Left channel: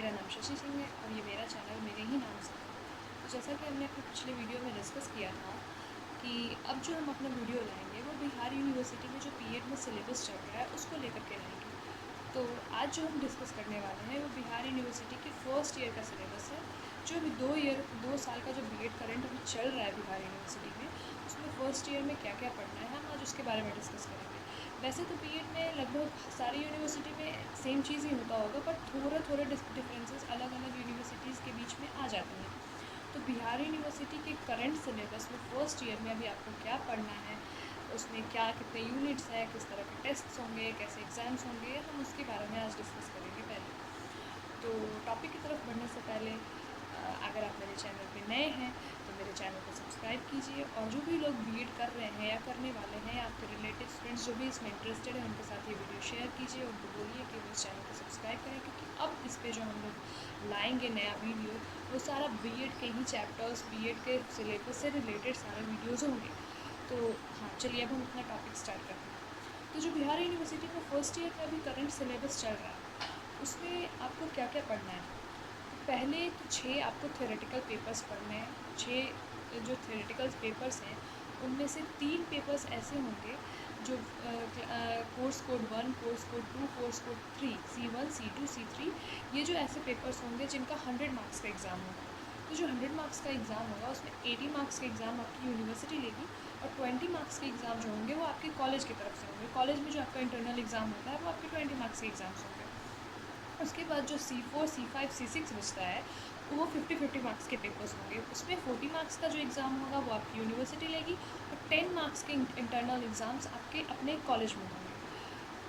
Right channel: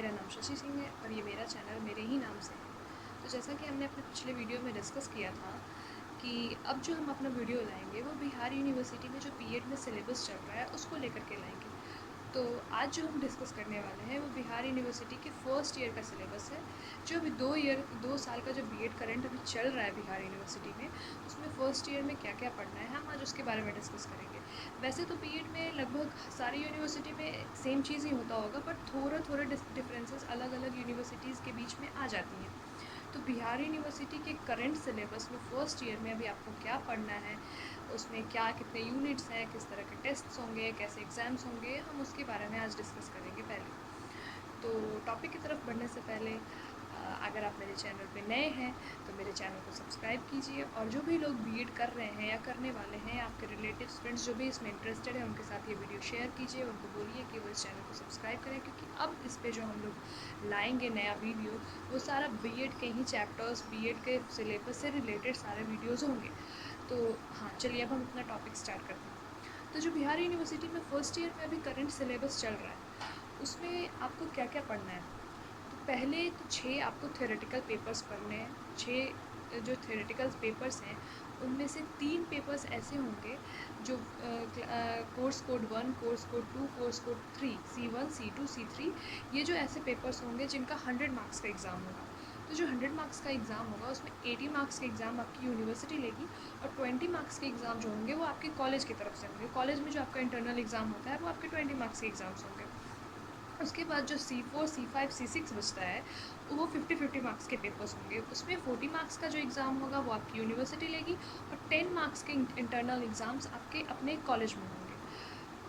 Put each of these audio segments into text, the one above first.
मेरा नाम शशि सिंह है और ये मेरा चैनल मेरे ही नाम से है। तो जैसा कि हमने अपने पिछले वीडियो में डिस्कस किया था कि अब जो हम अपना वीडियो लाएंगे वो बिहार यूनिवर्सिटी में जो बीएड में सिलेबस चल रहा है उसको लेकर के लाएंगे। तो आज जो हम डिस्कस करने वाले हैं वो बिहार यूनिवर्सिटी के फर्स्ट ईयर का सिलेबस है। जो अभी 2 साल का जो बीएड करंट अभी चल रहा है बिहार यूनिवर्सिटी में, उसमें फ़र्स्ट ईयर में क्या क्या पढ़ना है हम आज उसके बारे में डिस्कस करेंगे। वैसे तो बीएड में लगभग सारी यूनिवर्सिटी में सेम चीज़ ही होता होगा, बट थोड़े डिफरेंसेस अलग अलग यूनिवर्सिटीज़ के बीच में आ जाती हैं। तो बिहार यूनिवर्सिटी के करंट सिलेबस में फ़र्स्ट ईयर में अभी आपको क्या पढ़ना है, उसमें क्या कितने यूनिट्स हैं, किस तरह के टेस्ट्स होंगे, कैसे एग्ज़ाम्स होंगे, हम उसके बारे में आज डिस्कस करेंगे पहले। तो टॉपिक की तरफ बढ़ने से पहले अगर आप मेरे चैनल पे नए हैं तो मेरे चैनल को सब्सक्राइब कीजिए, और जो भी लोग बीएड कर रहे हैं या करने वाले हैं या आपके रिलेटिव्स फ्रेंड्स जो भी इसमें इंटरेस्टेड है उनके साथ ये वीडियो शेयर कीजिए, उनको बोलिए कि वो इस चैनल को सब्सक्राइब करें, क्योंकि अब इस पर जो हम लोग लाएंगे नया वीडियो वो सारा बीएड के ही चैप्टर्स, बीएड के सिलेबस से रिलेटेड सारे वीडियोज़ होंगे। तो हाँ, चलिए अब हम अपना टॉपिक स्टार्ट करते हैं। तो जो बिहार यूनिवर्सिटी में फ़र्स्ट ईयर में अभी करंट सिलेबस चल रहा है उसमें आपको क्या क्या पढ़ना है। तो पहले तो 6 आपको थ्योरेटिकल पेपर्स पढ़ने हैं। 6 जो थ्योरेटिकल पेपर्स हैं उनमें से 3 पेपर्स ऐसे होंगे जो course code 1, course code 2, course code 3, C1, C2, C3, ये जो ऐसे पेपर्स होंगे जिनका 100 मार्क्स का एग्ज़ाम होगा। तो जो 100 मार्क्स का एग्ज़ाम होगा उसमें 80 मार्क्स के एग्ज़ाम आपकी यूनिवर्सिटी लेगी, और 20 मार्क्स के एग्ज़ाम जो होंगे वो आपके कॉलेज की तरफ से होंगे। कॉलेज में जो आपका इंटरनल एग्ज़ाम होता है वो आपके 20 मार्क्स के एग्ज़ाम्स होंगे। उसके बाद जो C4, C5, C6 बचता है वो 50-50 मार्क्स के पेपर्स होंगे। उसमें 40 मार्क्स का जो एग्ज़ाम होगा वो आपकी यूनिवर्सिटी लेगी, और 10 मार्क्स के इंटरनल एग्ज़ाम्स आपके अपने कॉलेज में होंगे।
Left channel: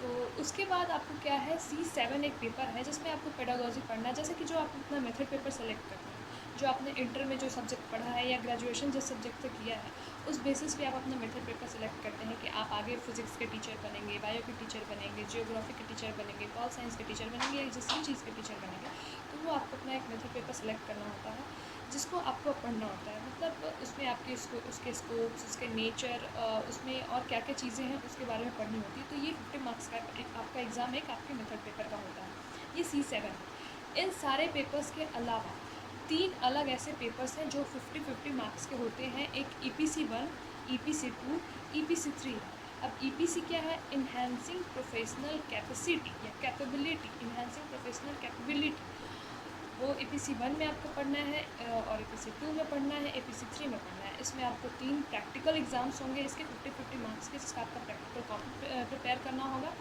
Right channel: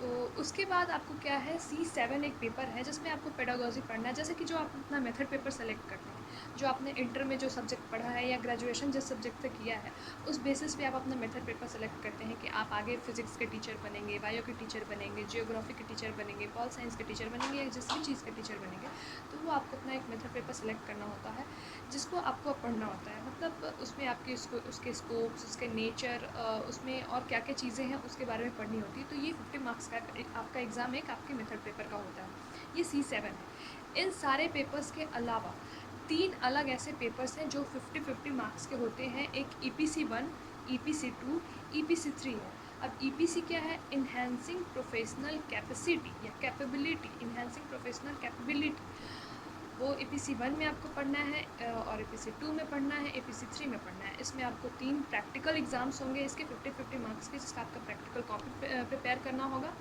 तो उसके बाद आपको क्या है, C7 एक पेपर है जिसमें आपको पेडागॉजी पढ़ना है। जैसे कि जो आप अपना मेथड पेपर सेलेक्ट करते हैं, जो आपने इंटर में जो सब्जेक्ट पढ़ा है या ग्रेजुएशन जिस सब्जेक्ट से किया है, उस बेसिस पे आप अपना मेथड पेपर सेलेक्ट करते हैं कि आप आगे फिजिक्स के टीचर बनेंगे, बायो के टीचर बनेंगे, जियोग्राफी के टीचर बनेंगे, पॉल साइंस के टीचर बनेंगे, या जिस भी चीज़ के टीचर बनेंगे। तो वो आपको अपना एक मेथड पेपर सेलेक्ट करना होता है जिसको आपको पढ़ना होता है। मतलब उसमें आपके उसके स्कोप्स, उसके नेचर, उसमें और क्या क्या चीज़ें हैं उसके बारे में पढ़नी होती है। तो ये 50 मार्क्स का एक आपका एग्ज़ाम एक आपके मेथड पेपर का होता है। ये C7 है। इन सारे पेपर्स के अलावा 3 अलग ऐसे पेपर्स हैं जो 50-50 मार्क्स के होते हैं। एक EPC1, EPC2, EPC3 है। अब EPC क्या है, इन्हेंसिंग प्रोफेशनल कैपेसिटी या कैपेबिलिटी, इन्हेंसिंग प्रोफेशनल कैपेबिलिटी। वो EPC1 में आपको पढ़ना है, और EPC2 में पढ़ना है, EPC3 में पढ़ना है। इसमें आपको 3 प्रैक्टिकल एग्ज़ाम्स होंगे इसके 50-50 मार्क्स के, जिसका आपका प्रैक्टिकल कॉपी प्रिपेयर करना होगा।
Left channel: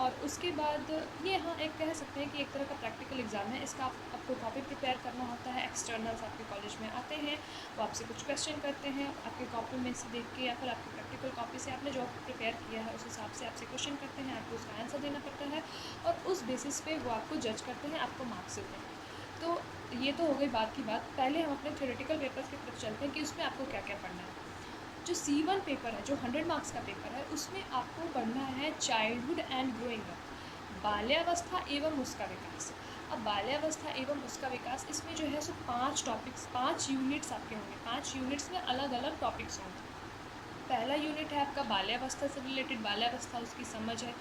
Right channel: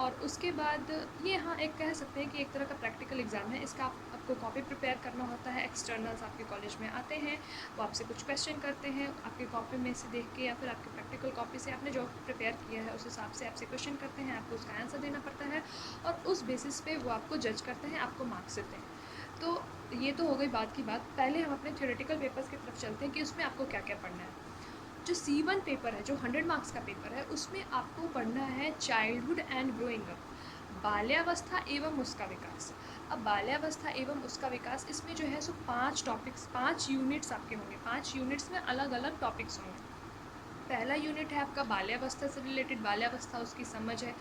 और उसके बाद ये, हाँ, एक कह सकते हैं कि एक तरह का प्रैक्टिकल एग्ज़ाम है। इसका आपको कॉपी प्रिपेयर करना होता है। एक्सटर्नल्स आपके कॉलेज में आते हैं, वो आपसे कुछ क्वेश्चन करते हैं, आपके कॉपी में से देख के या फिर आपके प्रैक्टिकल कॉपी से आपने जो प्रिपेयर किया है उस हिसाब से आपसे क्वेश्चन करते हैं, आपको उसका आंसर देना पड़ता है, और उस बेसिस पे वो आपको जज करते हैं, आपको मार्क्स देते हैं। तो ये तो हो गई बात की बात। पहले हम अपने थ्योरेटिकल पेपर्स की तरफ चलते हैं कि उसमें आपको क्या क्या पढ़ना है। जो C1 पेपर है, जो 100 मार्क्स का पेपर है, उसमें आपको पढ़ना है चाइल्डहुड एंड ग्रोइंग अप, बाल्यावस्था एवं उसका विकास। अब बाल्यावस्था एवं उसका विकास, इसमें जो है सो 5 टॉपिक्स, 5 यूनिट्स आपके होंगे। 5 यूनिट्स में अलग अलग टॉपिक्स होंगे। पहला यूनिट है आपका बाल्यावस्था से रिलेटेड, बाल्यावस्था उसकी समझ है।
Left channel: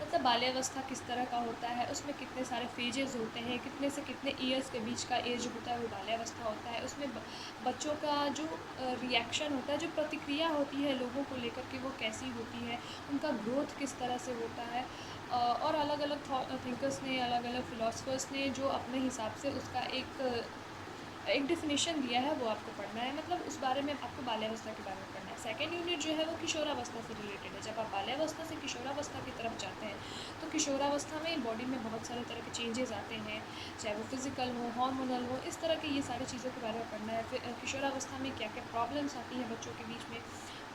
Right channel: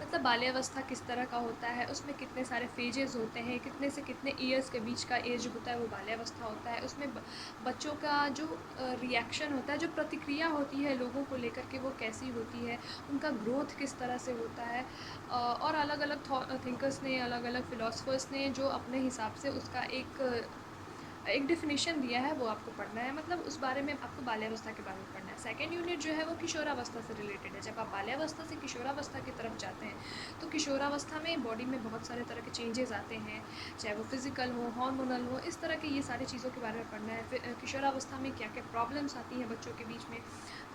मतलब बाल्यावस्था किस तरह का होता है, उसमें कितने सारे फेजेस होते हैं, कितने से कितने ईयर्स के बीच का एज होता है वो बाल्यावस्था होता है। उसमें बच्चों का जो रिएक्शन होता है, जो प्रतिक्रिया होती है लोगों को लेकर के, वो कैसी होती है, उनका ग्रोथ किस तरह से होता है। और अलग अलग थिंकर्स ने, अलग अलग फ़िलासफ़र्स ने जो अपने हिसाब से उसका एक डेफिनेशन दिया है वो आपको पढ़ना है। मतलब उस बारे में आपको बाल्यावस्था के बारे में पढ़ना है। सेकंड यूनिट जो है वो किशोरावस्था से रिलेटेड है। जब आप बाल्यावस्था से किशोरावस्था की तरफ जाते हैं तो किशोरावस्था में बॉडी में बहुत सारे तरह के चेंजेस आते हैं, चाहे वो फिज़िकल हो, हार्मोनल हो, इस तरह के ये सारी चीज़ों के बारे में पढ़ना है। फिर किशोरावस्था में क्या क्या प्रॉब्लम्स आती हैं बच्चों के बीच में,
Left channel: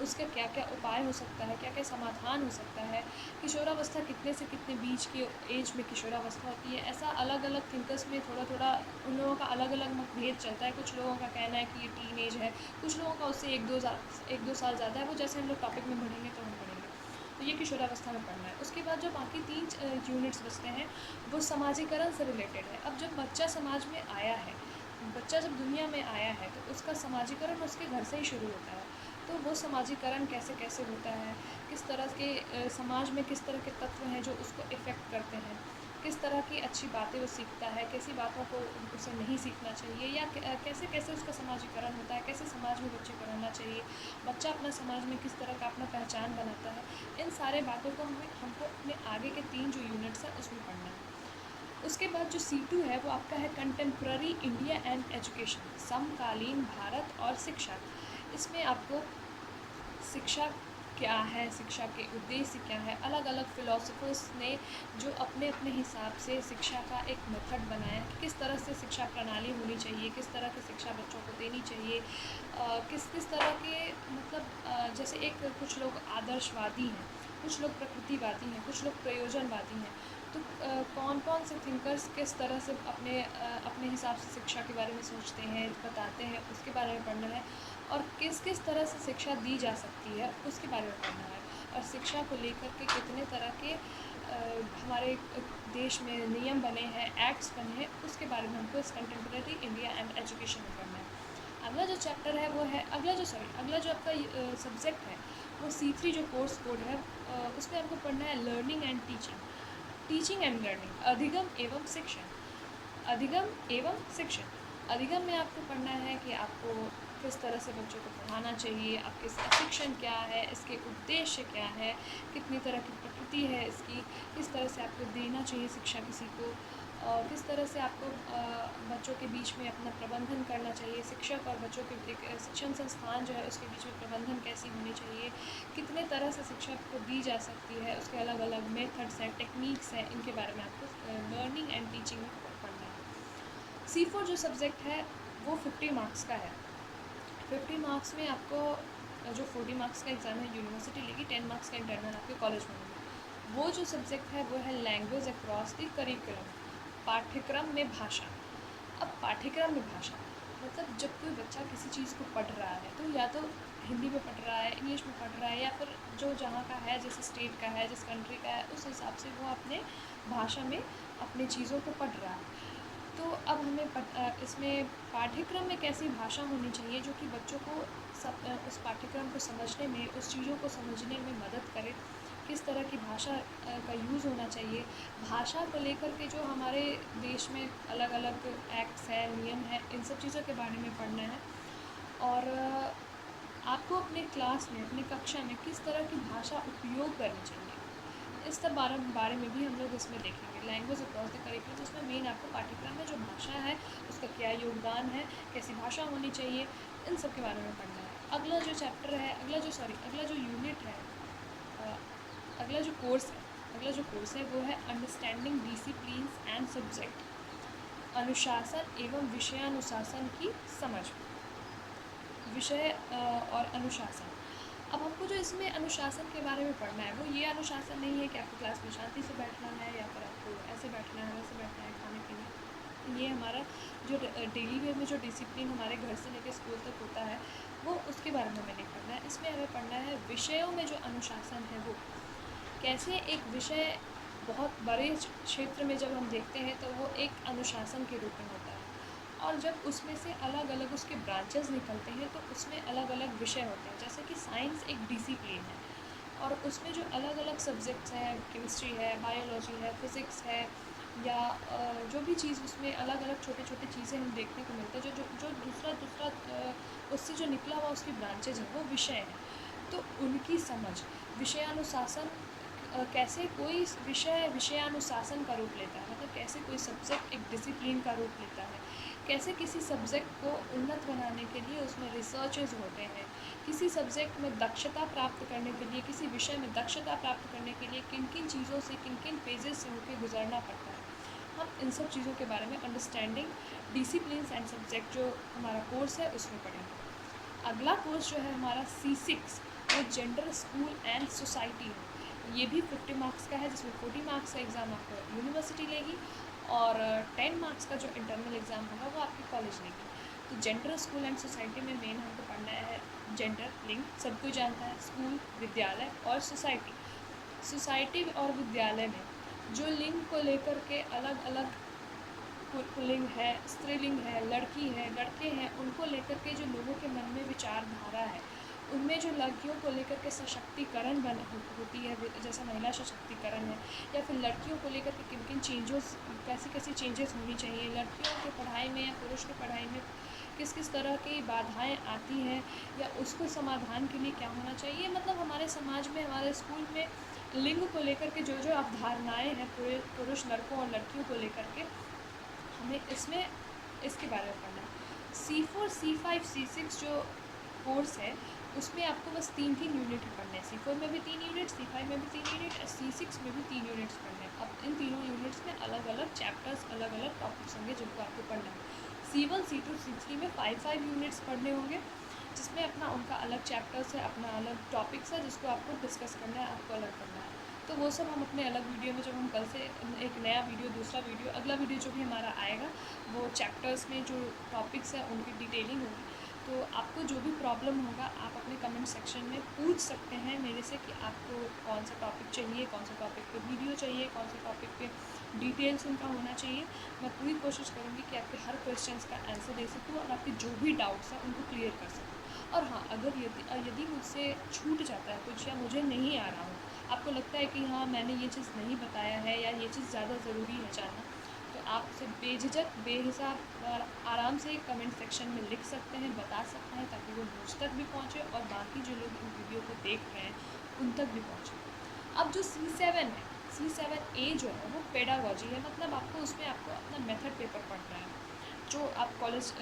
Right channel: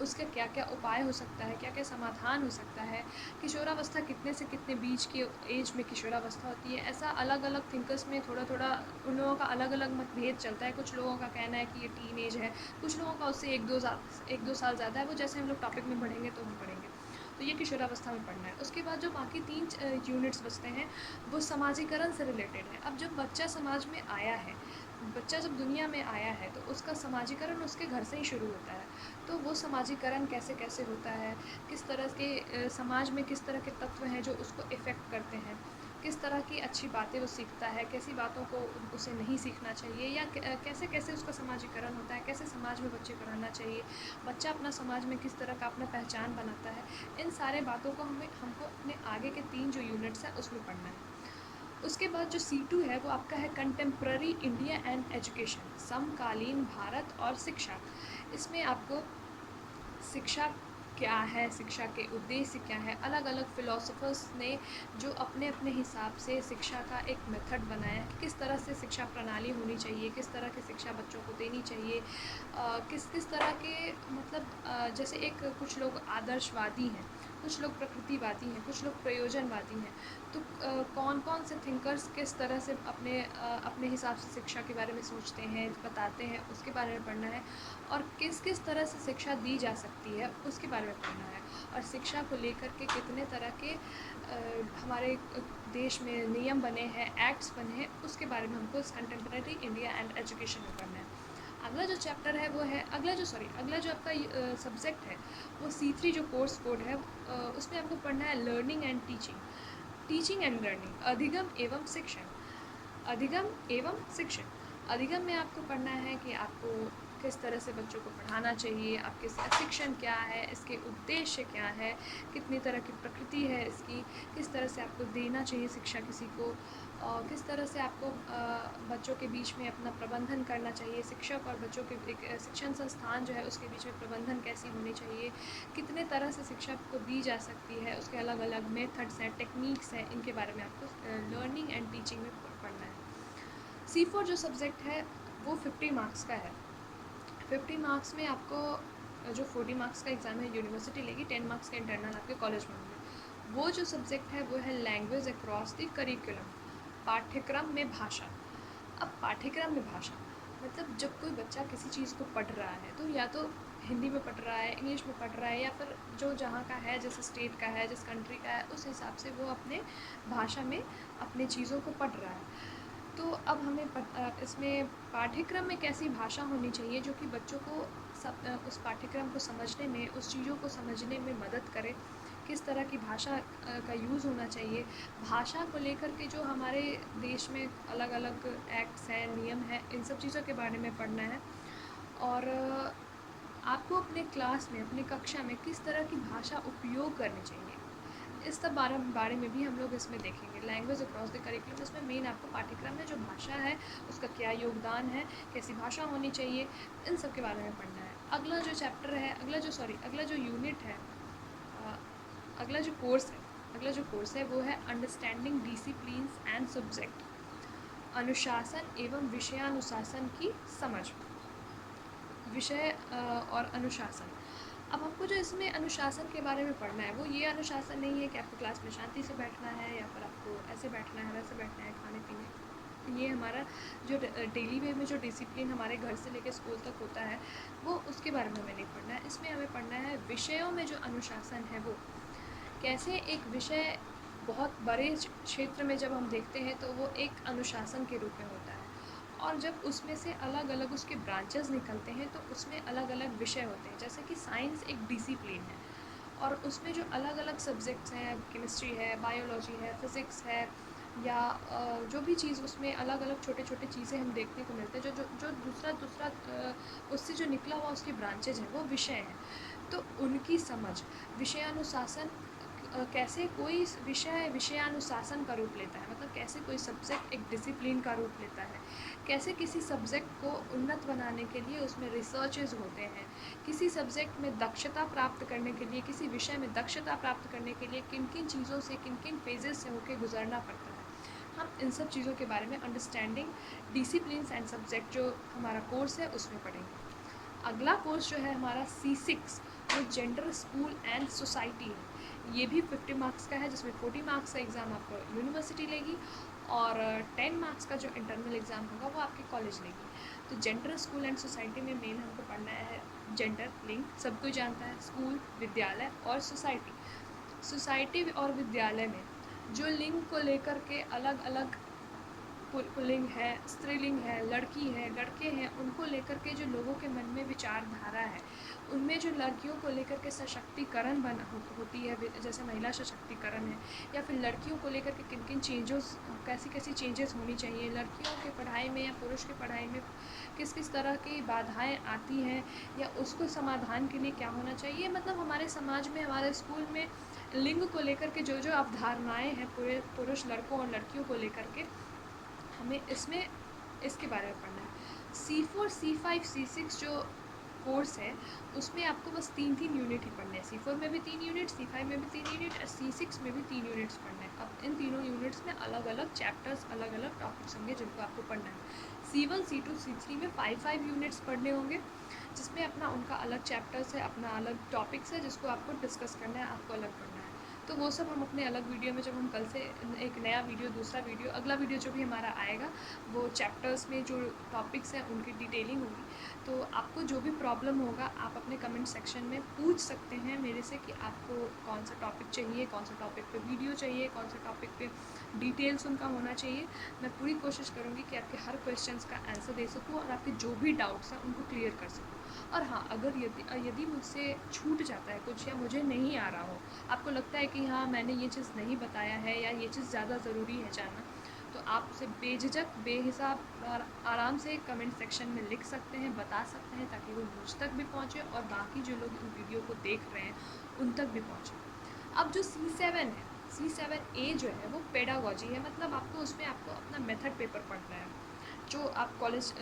उसका क्या क्या उपाय हो सकता है, क्या क्या समाधान हो सकता है, किशोरावस्था कितने से कितने बीच के एज में किशोरावस्था होती है। ऐसा अलग अलग थिंकर्स में थोड़ा थोड़ा उन लोगों का अलग अलग मतभेद चलता है। कुछ लोगों का कहना है कि ये टीन एज है, कुछ लोगों का उससे 1-2 साल ज़्यादा है। वो जैसे हम लोग टॉपिक में बढ़ेंगे तो हम पढ़ेंगे। तो ये किशोरावस्था में पढ़ना है। उसके बाद जो बाकी 3 यूनिट्स बचते हैं वो समाजीकरण से रिलेटेड है। अब जब बच्चा समाज में आया है, बच्चा जब दुनिया में आया है तो उसका समाजीकरण उसके घर से ही शुरू होता है। तो वो समाजीकरण कैसे कैसे होता है, किस तरह के समाज में किस तरह के तत्व हैं जो उसको इफ़ेक्ट करते हैं, किस तरह की अच्छी बातें वो सीखता है, कैसी बातों को उसे नहीं सीखना चाहिए, या कैसे कैसे उसका समाजीकरण होता है, कैसे समाज में बच्चे को रहना चाहिए, बच्चा अपना समाज में किस तरह का अपना पहचान बनाता है। इन सारे बातों को हमको अपने आगे के 3 जो यूनिट्स हैं उसमें पढ़ना है। उसके बाद जो C2 है वो आपका है कंटेम्प्ररी इंडिया एंड एजुकेशन, समकालीन भारत और शिक्षा। इसमें आपको शिक्षा क्या है, शिक्षा के उद्देश्य क्या है, अलग अलग फ़िलोसोफर्स ने जो अपने अपने हिसाब से शिक्षा का एक मेथड बनाया, किस तरह से शिक्षा प्रणाली होनी चाहिए, किस तरह की शिक्षा बच्चों को देनी चाहिए, किस किस तरह के मतलब जैसे एक कुछ लोग आदर्शवादी हैं, कुछ लोग प्रकृतिवादी हैं, कुछ लोग प्रयोजनवादी हैं। तो कौन कौन से थिंकर्स किस तरह से अपने हिसाब से शिक्षा के बारे में सोचते हैं, बताते हैं, उसके बारे में पढ़ना है। और किस किस तरह से शिक्षा दी जा सकती है उसके बारे में पढ़ना है। और शिक्षा को लेकर के कितने तरह के हमारे देश में नियम बने हैं, एक्ट्स बने हैं, उसके बारे में हमको इस कंटेम्प्रेरी इंडिया एंड एजुकेशन में पढ़ना है। अगला जो चैप्टर है वो है अगला जो आपका सब्जेक्ट है वो C3 जो कोर्स कोड है, उसमें आपको पढ़ना है learning and teaching and learning, अधिगम एवं शिक्षण। अधिगम एवं शिक्षण। अधिगम में आपको पढ़ना है कि आपको किस तरह से बच्चों को पढ़ाना चाहिए, आपके शिक्षण क्या है, इसके उद्देश्य क्या है, कितनी तरह की प्रकृति है इसकी, किस तरह से आपको देना चाहिए शिक्षा किसी को, और किस तरह से आपको बच्चों के बीच में अपना प्रबंधन करना चाहिए, शिक्षक और बच्चों के एक शिक्षण संस्थान जो है उसके बीच में प्रबंधन कैसी होनी चाहिए, कितने तरह से शिक्षा को दी जा सकती है, उसके अलग अलग मेथड्स हैं, टेक्निक्स हैं, इनके बारे में आपको लर्निंग एंड टीचिंग में पढ़ना है। C4 जो सब्जेक्ट है वो 50 मार्क्स का है। 50 मार्क्स में आपको जो 40 मार्क्स का एग्ज़ाम है यूनिवर्सिटी लेगी, 10 मार्क्स का इंटरनल आपके कॉलेज में होंगे। वो जो सब्जेक्ट है वो है लैंग्वेज अक्रॉस द करिकुलम, पाठ्यक्रम में भाषा। अब पाठ्यक्रम में भाषा मतलब जब कोई बच्चा किसी चीज़ को पढ़ रहा है तो या तो हिंदी में पढ़ रहा है, इंग्लिश में पढ़ रहा है, या फिर जो जहाँ का है, जिस स्टेट का है, जिस कंट्री का है, उस हिसाब से वो अपने भाषा में अपनी चीज़ों को पढ़ रहा है। तो अब हमें इसमें पाठ्यक्रम में कैसी भाषा होनी चाहिए जो कि बच्चों को उस पाठ्यक्रम को समझने में, उस चीज़ों को समझने में मदद करे, किस तरह की भाषा का यूज़ होना चाहिए। भाषा को लेकर के जो हमारे देश में अलग अलग एक्ट्स हैं, नियम हैं, इन सब चीज़ों के बारे में पढ़ना है। और आपको अपने क्लास में, अपनी कक्षा में किस तरह की भाषा उपयोग करनी चाहिए, इस सब बारे में भी हम लोग इसमें देखेंगे। लैंग्वेज अक्रॉस द करिकुलम, इसमें मेन आपको पाठ्यक्रम में जो भाषा है उसका क्या योगदान है, कैसी भाषा होनी चाहिए, इन सब के बारे में पढ़ना है। अगला जो चैप्टर है, अगला जो यूनिट है, अ, अगला जो कोर्स है वो है अंडरस्टैंडिंग डिसिप्लिन्स एंड सब्जेक्ट, अनुशासन एवं विषयानुशासन की समझ। विषय और अनुशासन। अब हमको जो इसमें अनुशासन के बारे में पढ़ना है वो ये अनुशासन नहीं है कि आपको क्लास में शांति से बैठना है या फिर आपको ऐसे बैठना है, वैसे बैठना है, खाने पीने। ये हमारा जो डेली वे में जो डिसिप्लिन हमारे घर से लेकर स्कूल तक होता है वो उसके बारे में हमें नहीं पढ़ना है। इसमें हमें पढ़ना है विषयों में जो अनुशासन है वो कैसे, एक विषय बहुत बड़े क्षेत्र में जब हम देखते हैं तो वो एक अनुशासन के रूप में होता है, और जब उसमें से अलग अलग उसके ब्रांचेस निकलते हैं तो उसमें अलग अलग विषय होते हैं। जैसे कि साइंस एक डिसिप्लिन है और उसमें जो अलग अलग सब्जेक्ट्स हैं, केमिस्ट्री है, बायोलॉजी है, फिज़िक्स है, या जो भी चीज़ उसमें अलग अलग छोटे छोटे चीज़ें हम देखने को मिलते हैं, जो जो जो दूसरा दूसरा उससे जो निकला हुआ उसकी ब्रांचेज हैं वो विषय हैं। तो उनकी समझ, विषयानुशासन, कैसे कोई विषय विषयानुशासन का रूप लेता है, मतलब कैसे कोई सब्जेक्ट एक डिसिप्लिन का रूप लेता है, कैसे किसी सब्जेक्ट को उन्नत बनाने के लिए उसमें रिसर्चेज होते हैं, किसी सब्जेक्ट में दक्षता प्राप्त करने के लिए, किसी विषय में दक्षता प्राप्त करने के लिए किन किन चीज़ों से, किन किन फेजेस से होकर गुजरना पड़ता है। हम इन सब चीज़ों के बारे में अंडरस्टैंडिंग डिसिप्लिन्स एंड सब्जेक्ट जो हमारा कोर्स है उसमें पढ़ेंगे। अगला कोर्स जो है हमारा C6 वो जेंडर, स्कूल एंड सोसाइटी है। ये भी 50 मार्क्स का है जिसमें 40 मार्क्स का एग्ज़ाम आपको यूनिवर्सिटी लेगी और 10 मार्क्स का जो इंटरनल एग्ज़ाम होगा वो आपकी कॉलेज लेगी। तो जेंडर, स्कूल एंड सोसाइटी में मेन हमको पढ़ना है जेंडर, लिंग सब कोई जानता है, स्कूल विद्यालय, और सोसाइटी। सोसाइटी और विद्यालय में जो लिंग को लेकर के अलग अलग पुल्लिंग है, स्त्रीलिंग है, लड़की है, लड़के हैं, उनको लेकर के जो लोगों के मन में विचारधारा है उनमें जो लड़कियों को लेकर के सशक्तिकरण होती है, जैसे महिला सशक्तिकरण है, या फिर लड़कियों को लेकर के किन किन चेंजेस, कैसी कैसी चेंजेस होनी चाहिए लड़कियों की पढ़ाई में या पुरुष की पढ़ाई में, किस किस तरह की बाधाएं आती हैं, या उसको समाधान के लिए क्या होना चाहिए। मतलब हमारे समाज में, हमारे स्कूल में लिंग को लेकर के जो जो अवधारणाएँ हैं पूरे पुरुष लड़कों और लड़कियों को लेकर के, हमें इसमें इसके बारे में पढ़ना है। C4, C5, C6 जो कोर्स है उसमें आपको बस 3 यूनिट ही पढ़ने हैं। C4 में भी 3 यूनिट, C5 में भी 3 यूनिट, C6 में भी 3 यूनिट्स पढ़ने हैं। अब इन तीनों यूनिट्स में अलग अलग चैप्टर्स, अलग अलग टॉपिक्स होंगे जिनको आपको पढ़ना है। C1, C2, C3 में 5 यूनिट्स पढ़ने होंगे, जिसमें अपना उनका अलग चैप्टर्स है, अपना अलग टॉपिक्स है, जिसको आपको डिस्कस करना है, आपको अलग पढ़ना है। तो वो सब हम अपने अलग वीडियो में, जब हम कल से एक नया वीडियो, दूसरा वीडियो, अगला वीडियो जो भी हमारा आएगा, वो चैप्टर्स में जो टॉपिक्स हैं उनकी डिटेलिंग होगी। तो आपको जो भी प्रॉब्लम होगा आप अपने कमेंट सेक्शन में पूछ सकते हैं मेरे से कि आपको कौन सा टॉपिक चाहिए, कौन सा टॉपिक पे वीडियो चाहिए, कौन सा टॉपिक पे डिटेल्स उनका होना चाहिए। मैं पूरी कोशिश करूँगी कि आपके हर क्वेश्चंस का आंसर दे सकूँ और आपके जो भी डाउट्स हैं उनको क्लियर कर सकूँ। और हाँ, अगर यदि मुझसे छूट जाता है कुछ, या मुझे नहीं आ रहा हो, आपको लगता है कि हाँ मैंने ये चीज़ नहीं बताया है, या ये चीज़ ज़्यादा ज़रूरी है जानना, तो आप उसे बेझिझक, बेहिसाब और आराम से कमेंट सेक्शन में लिख सकते हैं, बता सकते हैं, ताकि वो मुझ तक भी पहुँचे और बाकी जो लोग इस वीडियो को देख रहे हैं उन तक भी पहुँचे। अब जो C7 है, C7A जो है वो पेडागॉजी है। मतलब आपको उसमें आपको अपना मेथड पेपर पढ़ना है। जो आप कॉलेज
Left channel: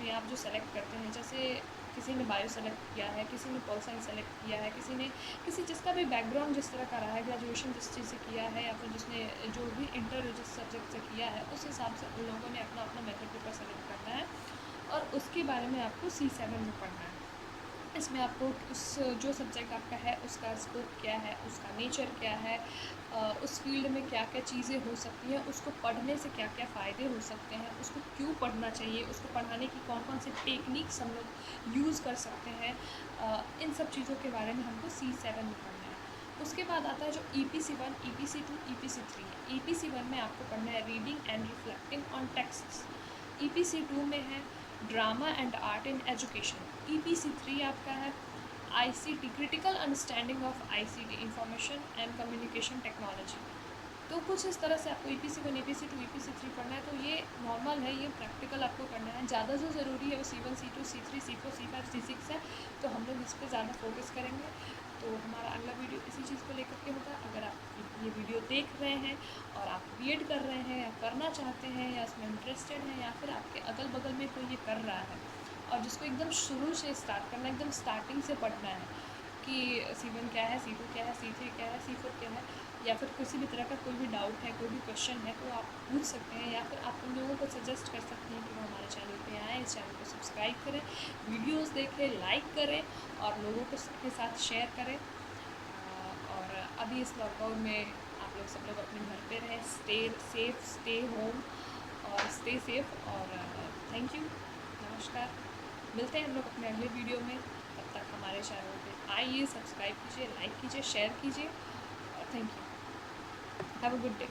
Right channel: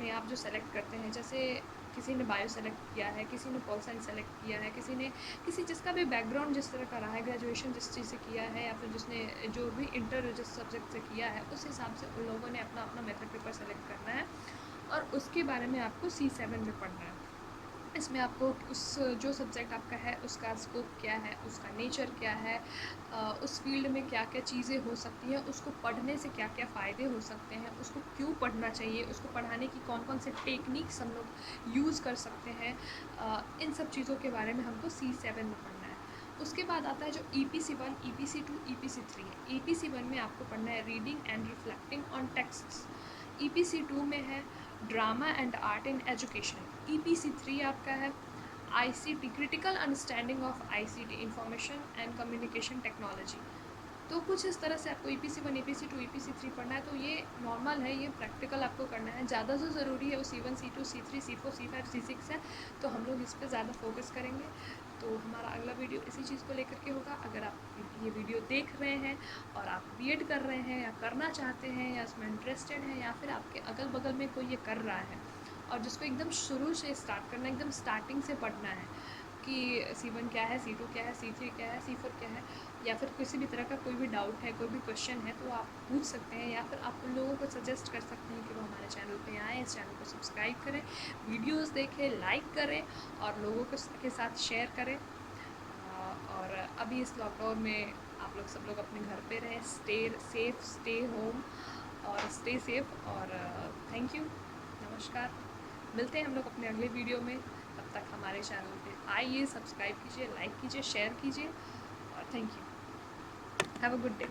में आप जो सेलेक्ट करते हैं, जैसे किसी ने बायो सेलेक्ट किया है, किसी ने पॉल साइंस सेलेक्ट किया है, किसी जिसका भी बैकग्राउंड जिस तरह का रहा है, ग्रेजुएशन जिस चीज़ से किया है, या फिर जिसने जो भी इंटर जिस सब्जेक्ट से किया है, उस हिसाब से उन लोगों ने अपना अपना मेथड पेपर सेलेक्ट करना है और उसके बारे में आपको C7 में पढ़ना है। इसमें आपको उस जो सब्जेक्ट आपका है उसका स्कोप क्या है, उसका नेचर क्या है, उस फील्ड में क्या क्या चीज़ें हो सकती हैं, उसको पढ़ने से क्या क्या फ़ायदे हो सकते हैं, उसको क्यों पढ़ना चाहिए, उसको पढ़ाने की कौन कौन से टेक्निक्स हम लोग यूज़ कर सकते हैं, इन सब चीज़ों के बारे में हमको C7 में पढ़ना है। उसके बाद आता है जो EPC1, EPC2, EPC3 है। EPC1 में आपको पढ़ना है reading and reflecting on texts. EPC2 में है drama and art in education. EPC3 आपका है ICT, critical understanding of ICT, information and communication technology. तो कुछ इस तरह से आपको EPC1, EPC2, EPC3 पढ़ना है। तो ये नॉर्मल है, ये प्रैक्टिकल आपको करना है। ज़्यादा जो ज़रूरी है वो C1, C2, C3, C4, C5, C6 है, तो हम लोग इस पर ज़्यादा फोकस करेंगे। तो हमारा अगला वीडियो इसी चीज़ को लेकर के होगा। अगर आप ये वीडियो देख रहे हैं और आप बीएड कर रहे हैं, या करना चाहते हैं, या उसमें इंटरेस्टेड हैं, या फिर आपके अगल बगल में कोई ये कर रहा है और जिसको एकदम शुरू से स्टार्ट करना है, एकदम स्टार्टिंग से पढ़ना है कि C1 क्या है, C2 क्या है, C3 क्या है, C4 क्या है, या फिर किसी भी तरह का कोई भी डाउट है, कोई भी क्वेश्चन है, तो आप पूछ सकते हैं, या फिर आप उन लोगों को सजेस्ट कर सकते हैं कि वो हमारे चैनल पे आएँ, इस चैनल को सब्सक्राइब करें, वीडियोस देखें, लाइक करें और लोगों के साथ शेयर करें। और अभी इस लॉकडाउन में आप लोग सब लोग अपने घर पे रहें, स्टे सेफ, स्टे होम और स्टे सेफ। और थैंक यू, नमस्कार। मिलते हैं हम लोग अपने अगले वीडियो में। तब तक हमारे चैनल को आइए, सब्सक्राइब कीजिए, लाइक कीजिए, शेयर कीजिए और thank you. Have a good day.